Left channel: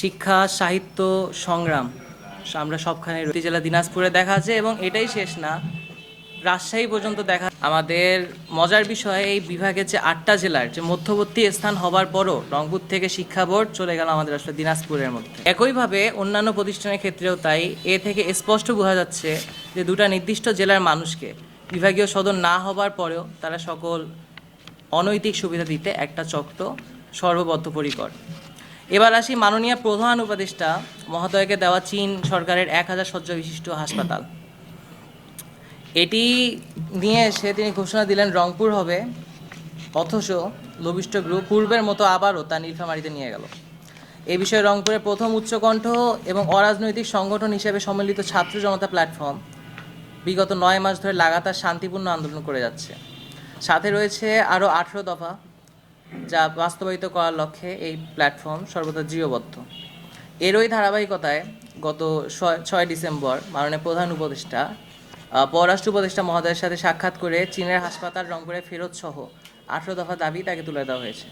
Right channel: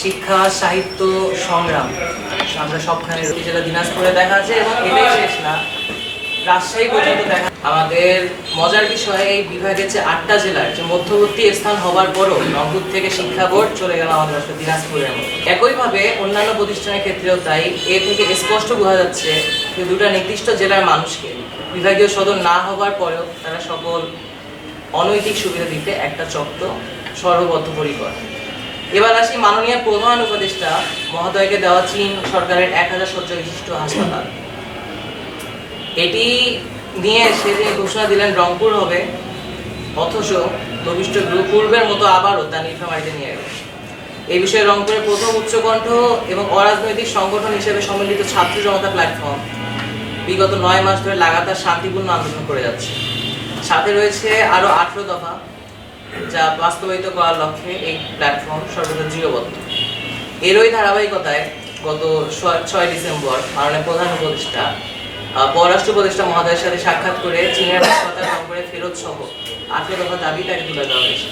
শিক্ষা, সাহিত্য, সংগ্রাম আমরা সবখানে জেলা দিনাজপুরে দেখা আছে এবং এটাই শেষ না, রাজশাহী পর্যন্ত দেখা। আমাদের মজার বিষয় এই বিভাগের যে 8টা জেলার যে মধ্যবর্তী স্থান হবার পরও রংপুর থেকে শিক্ষা বোর্ড চলে গেল আমাদের দিনাজপুরের মতো। একইভাবে অন্যান্য প্রতিষ্ঠানের ক্ষেত্রেও তাই। এ থেকে স্পষ্ট বোঝা যাচ্ছে যে দুটা নির্দিষ্ট জেলার মানুষকে বিভাগীয় সদর না হবার পরেও তারা সকল অনৈতিক সুবিধা দিতে একটা চক্র সর্ববদ্ধপরিকর। এবার আসি মাননীয় প্রধান উপদেষ্টা মহোদয়কে দেওয়া চীন সরকারের 1000 শয্যা বিশিষ্ট হাসপাতাল। এটি নিয়ে সে যে ঘোষণা দিলেন রংপুর হবে, অথচ ভবিষ্যৎ গ্রুপ পূর্বের মতো আবারও তা নীলফামারীতে নিয়ে গেল। এই বিষয়ে রংপুরের প্রথম উচ্চকণ্ঠ এবং অরাজনৈতিক সংগঠন হিসেবে সম্মিলিত ছাত্র জনতা প্ল্যাটফর্ম বিগত 9 মাস ধরে লাগাতার শান্তিপূর্ণ আন্দোলন করে যাচ্ছে। সাথে রয়েছে আরো 18 দফা যা বাস্তবায়িত করার লক্ষ্যে এই প্ল্যাটফর্ম সর্বদা দৃঢ়বদ্ধ। এরই ধারাবাহিকতায় গত 6 ডিসেম্বর মাননীয় প্রধান উপদেষ্টা পররাষ্ট্র উপদেষ্টা মহোদয়ের সাথে সাক্ষাৎ করে চীনের হাসপাতাল রংপুরে ফেরত সহ 18 দফা দাবি তাকে তুলে দেওয়া হয়েছে।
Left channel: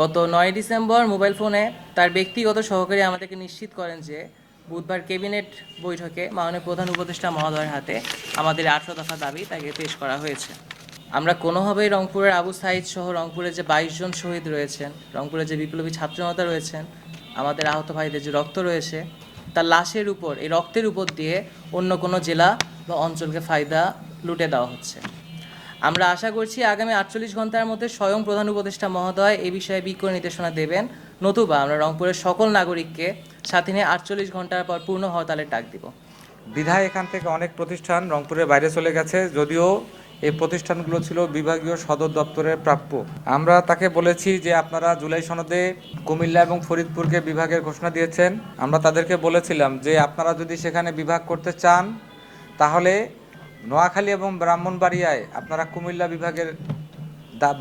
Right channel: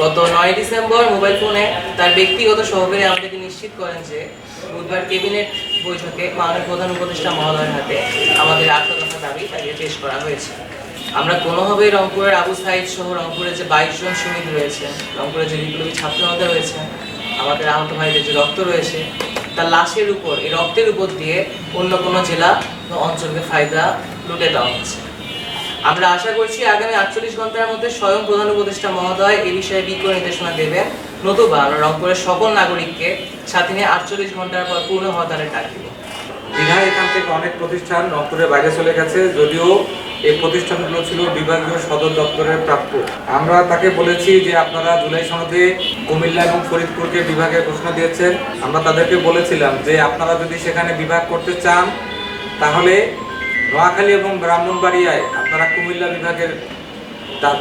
গত 9 ডিসেম্বর মোবাইল ফোনে তার ব্যক্তিগত সহকারী আমাদেরকে নিশ্চিত করেন যে বুধবার ক্যাবিনেট বৈঠকে মাননীয় প্রধান উপদেষ্টা মহোদয়ের হাতে আমাদের 18 দফা দাবি তাকে পেশ করা হয়েছে। আমরা কোনোভাবেই রংপুরের আবু সাইদ সহ রংপুরে যে 22 জন শহীদ রয়েছে, রংপুরে যে বিপ্লবী ছাত্র জনতা রয়েছে, আমাদের আহত ভাইদের যে রক্ত রয়েছে, তার লাশের উপর, এই রক্তের উপর দিয়ে অন্য কোনো জেলা বা অঞ্চলকে ফায়দা লুটে দেওয়া হচ্ছে। আমরা আশা করছি আগামী 48 ঘন্টার মধ্যে স্বয়ং প্রধান উপদেষ্টা মহোদয় এই বিষয়ে বিজ্ঞ নির্দেশনা দেবেন, নতুবা আমরা রংপুরের সকল নাগরিককে সাথে নিয়ে 48 ঘন্টার পর পূর্ণ হরতালে ডাক দিব। বিধায় এখান থেকে অনেক প্রতিষ্ঠান রংপুরের বাইরে চলে গেছে, যদিও এই প্রতিষ্ঠানগুলো ছিল বিভাগীয় সদর দপ্তরের প্রাপ্য। আমরা তাকে বলেছি যে আপনারা জুলাই সনদে কুমিল্লা এবং ফরিদপুরকে বিভাগের ঘোষণা দিয়েছেন। আমরা তাদেরকে বলেছিলাম যে আপনারা যদি সেখানে বিভাগ করতে চান তাহলে নোয়াখালী এবং ব্রাহ্মণবাড়িয়ায় আপনারা কুমিল্লা বিভাগের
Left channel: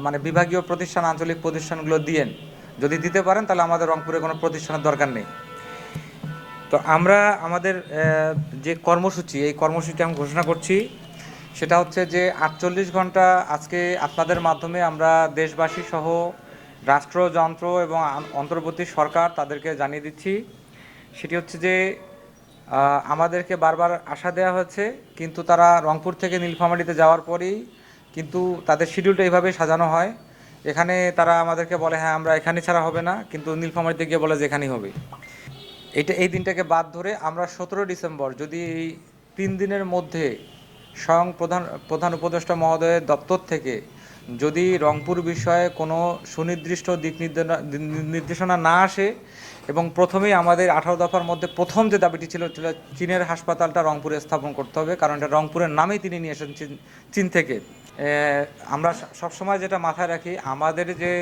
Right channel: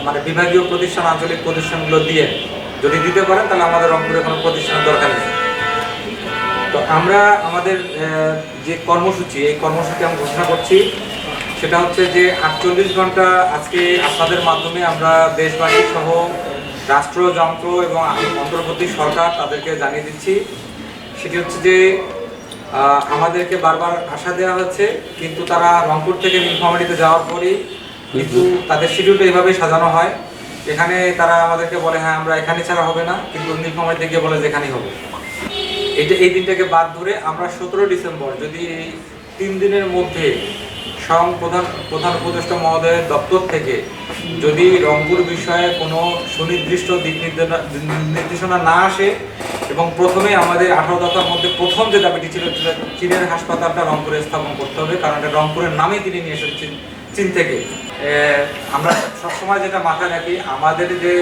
মানে বিভাগীয় প্রতিষ্ঠান, আঞ্চলিক প্রতিষ্ঠানগুলো দিয়ে যদি দিতে পারেন তাহলে আমাদের রংপুরে কোনো প্রতিষ্ঠানের দরকার নেই। তো আমরা আমাদের যে কর্মসূচি, এই কর্মসূচি আমি ঘোষণা করছি, সেটা হচ্ছে যে 48 ঘন্টা আজকে আপনাদের মাধ্যমে আমরা দেশবাসী সহ রাষ্ট্রযন্ত্র এবং অন্তর্বর্তী সরকার তাদেরকে জানিয়ে দিচ্ছি। সেটি হচ্ছে যে আমাদেরকে বারবার আশা দেওয়া হচ্ছে, কিন্তু তারা রংপুর থেকে নীলফামারীতে যাওয়ার পরেই কিন্তু তাদের শিডিউলটা এইভাবেই সাজানো হয়। এখানে তারা আমাদেরকে বলে হ্যাঁ আমরা এখানে ছাড়া হবে না, কিন্তু নীলফামারীতে গিয়ে বলে যে এখানেই হবে। এই দিনটাকে বাদ ধরে আমরা 17 ডিসেম্বর যদি 3 দিনের মধ্যে স্বয়ং প্রধান উপদেষ্টা মহোদয়ের দপ্তর থেকে যদি রংপুর বিষয়ে কোনো সুনির্দিষ্ট দিক নির্দেশনা না আসে এবং প্রথমে আমাদের 18 দফার মধ্যে প্রথম যে দাবিটি ছিল চীনের হাসপাতালটা রংপুরে স্থাপন করতে হবে, কারণ এটা রংপুরের নামেই তিনি নিয়ে এসেছেন চীন থেকে। আমরা সবসময় যেটা মাথায় রাখি, আমাদের যে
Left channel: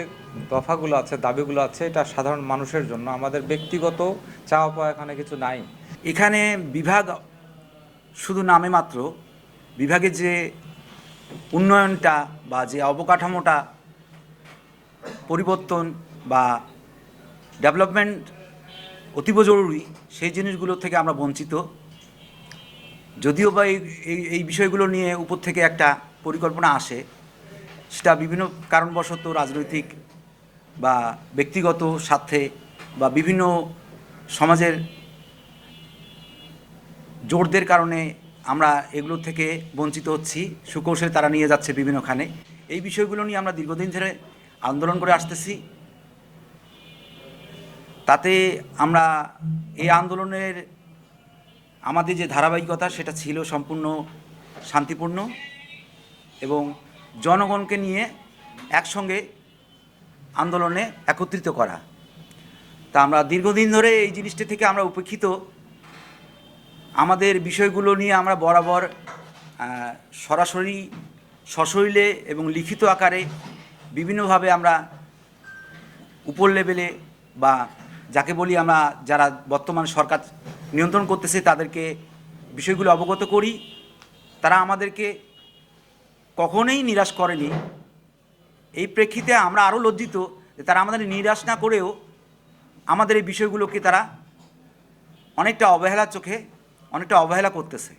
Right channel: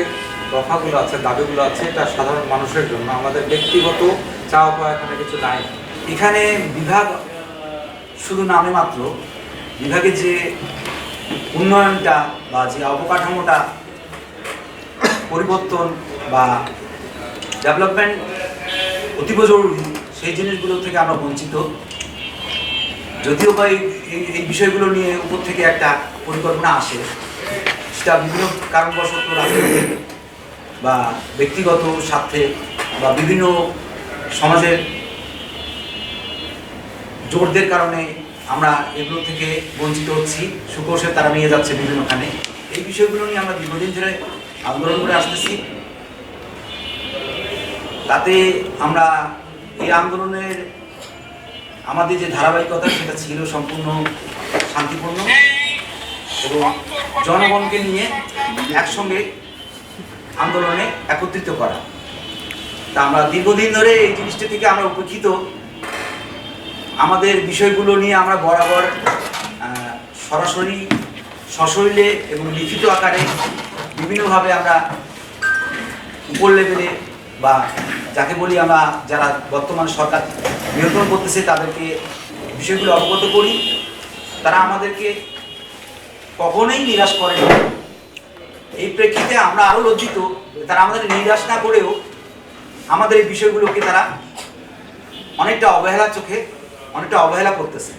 দফাগুলো আছে, দাবিগুলো আছে, এটা সাধারণ মানুষের জন্য, আমাদের ব্যক্তিগত চাওয়া পাওয়া এখানে কিছু নাই। এখানে বিভাগ শুধু নামে মাত্র, বিভাগের যে উন্নয়নটা বা যে অবকাঠামোটা পরিবর্তন বা ডেভেলপমেন্ট অতীব জরুরি, সেই জিনিসগুলো থেকে আমরা বঞ্চিত। যদিও বা এই বিষয়গুলো নিয়ে উপর থেকে একটা পরিকল্পনা আসে, সেটা বিভিন্ন কারণবশত রাজনৈতিক বা ব্যক্তিগত স্বার্থে বা বিভিন্ন সমাজের জোরদের কারণে আমরা এগুলো থেকে বঞ্চিত হচ্ছি। সুকোষে তারা নিয়ে যাচ্ছে বিভিন্নখানে। এই বিষয়গুলো নিয়ে আমরা দীর্ঘদিন ধরে আন্দোলন করে আসতেছি। তাতে আমরা এই আন্দোলনের আমাদের যে ধারাবাহিকতা, সেটা ছিল সম্পূর্ণ শান্তিপূর্ণ এবং জনগণকে নিয়ে একসঙ্গে আন্দোলনে একত্রিত করা। তা আমরা দীর্ঘদিন ধরে এই জিনিসটা থেকে আমরা উপেক্ষিত। আমাদের বিষয়গুলো নিয়ে আমরা বরাবর সরাসরি সশরীরে এবং লিখিত আকারে বিভিন্নভাবে আমরা উপর লেভেলে বা যাকে বলি আমরা যারা বর্তমান সরকার নিয়ন্ত্রণ করতেছে তাদেরকে বিষয়গুলো অবগত করি। তারা আমাদেরকে কখনোই নিরাশ করে না। এই প্রেক্ষিতে আমরা আরও লজ্জিত, তারা আমাদের নিরাশ না করেও আমাদের এই বিষয়গুলোকে তারা অনেকটা অবহেলার চোখে অনেকটা অবহেলা করতেছে।